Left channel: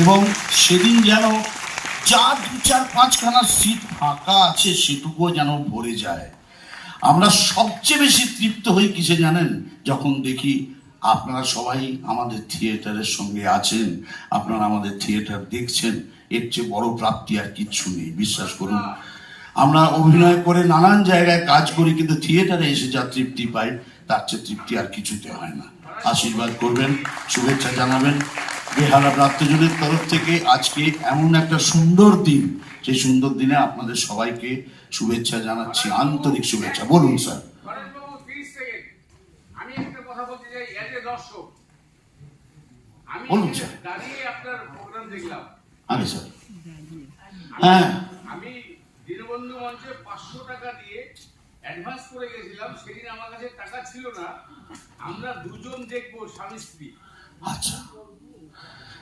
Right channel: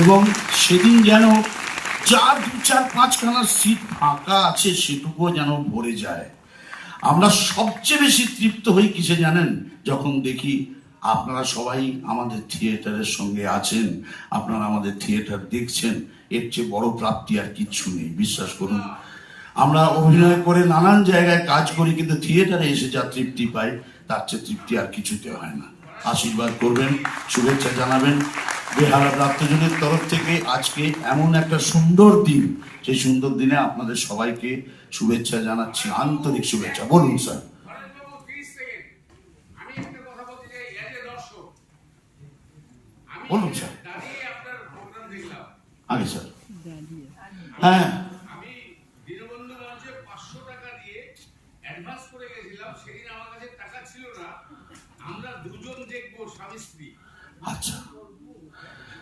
এবং সেদিন যেন যা 2-4-5খানা সিট ফাঁকা আছে সেটুকুও যেন ভরে যায়। আমরা সবচেয়ে বেশি তৃপ্ত হই কিসে জানেন? যখন দেখি আপনারা সবাই আমাদের থিয়েটারের সঙ্গে আছেন, আপনারা আমাদের থিয়েটার দেখছেন। এর চেয়ে বড় প্রাপ্তি আর কিচ্ছু নেই, বিশ্বাস করুন। আমরা অভিনয় করে নানান জায়গায় কাজ করি, কিন্তু থিয়েটারে এসে যা তৃপ্তি পাই তার চেয়ে তৃপ্তি আর কিছুতে হয় না। আশীর্বাদ করবেন, শুভেচ্ছা জানাবেন। বেহালা প্রাপ্তজনের তরফ থেকে আজকে এমন একটা সুন্দর দিন, সেই সুন্দর দিনে আপনাদের সবাইকে শুভেচ্ছা জানাচ্ছি, আন্তরিক শুভেচ্ছা। বলুন স্যার। বলুন স্যার। আগে স্যার। হ্যাঁ, আমি দীনবন্ধু মঞ্চে 500 টাকা দিয়ে অ্যাডভান্স করে গেছিলাম। সেদিন আমার কাছে টাকা ছিল না। আমরা দুজন দেখবো, স্বামী স্ত্রী। আচ্ছা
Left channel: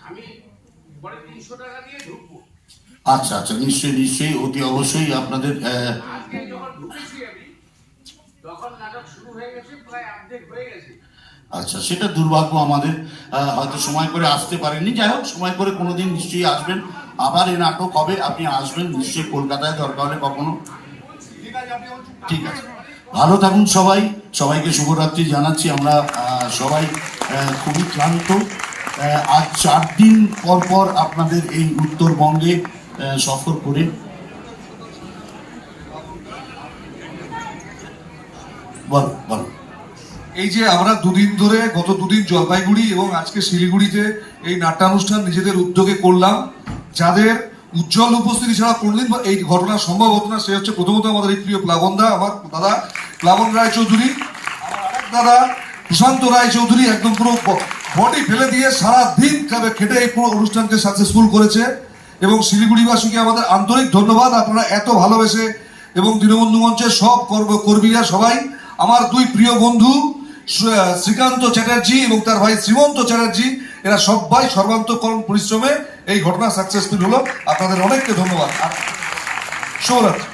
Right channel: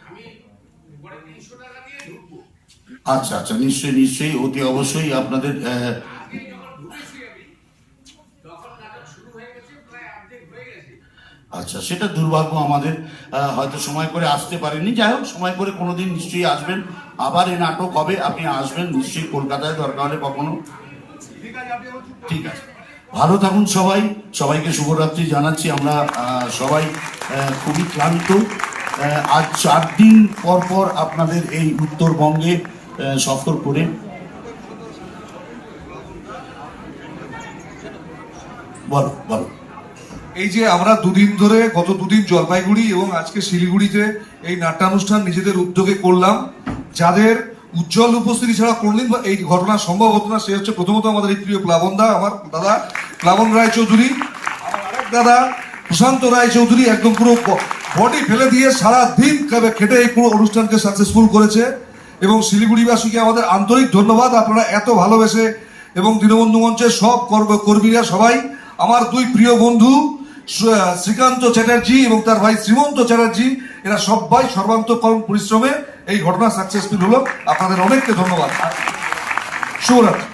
আমি পরে 300 টাকা দিয়ে ঢুকবো। আচ্ছা আচ্ছা, নিশ্চয়ই নিশ্চয়ই, অতি অবশ্যই আপনাদের। আজকে যখন ঢুকেছি আমি, তখন নাটক শুরু হয়ে গেছে, প্রায় অর্ধেক হয়ে গেছে। আচ্ছা, সেটা দুর্ভাগ্য আমাদের, হয়তো সময় করে আসতে পারেননি। যাই হোক, সময় করে কোনোদিন নিশ্চয়ই আসবেন। আবার এই নাটক হবে, আপনি আসবেন নিশ্চয়ই কলকাতায়, দরকার হলে কখনো। ঠিক আছে, ভালো থাকুন সবাই। সবাইকে শুভরাত্রি জানাচ্ছি। আমরা সবাই খুবই ক্লান্ত। আজ 4 দিন পর পর আপনাদের এই উত্তরবঙ্গে সফর করে। বলো বলো। এই যে আমরা দুদিন ধরে, গত দুদিন জলপাইগুড়ি এবং আজকে শিলিগুড়িতে এই নাট্যানুষ্ঠান নিজেদের উদ্যোগে করলাম, যাদের উজ্জ্বল উপস্থিতি ছাড়া কোনদিন এই ঘটনা সম্ভব হতো না। সে হচ্ছে প্রথমত আমাদের এই প্রিয় প্লাবন দা, আমার দাদা প্লাবন রায় চৌধুরী, আমার আরেক দাদা প্রশান্ত রায় চৌধুরী, একদম পুরো বডি ফেলে দিয়ে সারা দিন খেটে এই পুরো অনুষ্ঠানকে সাকসেসফুল করেছে। এবং শিলিগুড়িবাসীকে আমাদের আন্তরিক ধন্যবাদ, আপনারা এত ভালোবেসে। এবং দীনবন্ধু মঞ্চের সব কর্মীরা সবাই, আমার দুই প্রিয় বন্ধু শ্রীকান্ত চ্যাটার্জি এবং তার ভাই শ্রীমন্ত চ্যাটার্জি, এরা সবাই সর্বান্তকরণ পরিশ্রমে এই ঘটনা সাকসেসফুল হলো। আপনাদের অনেককে ধন্যবাদ। শুভরাত্রি।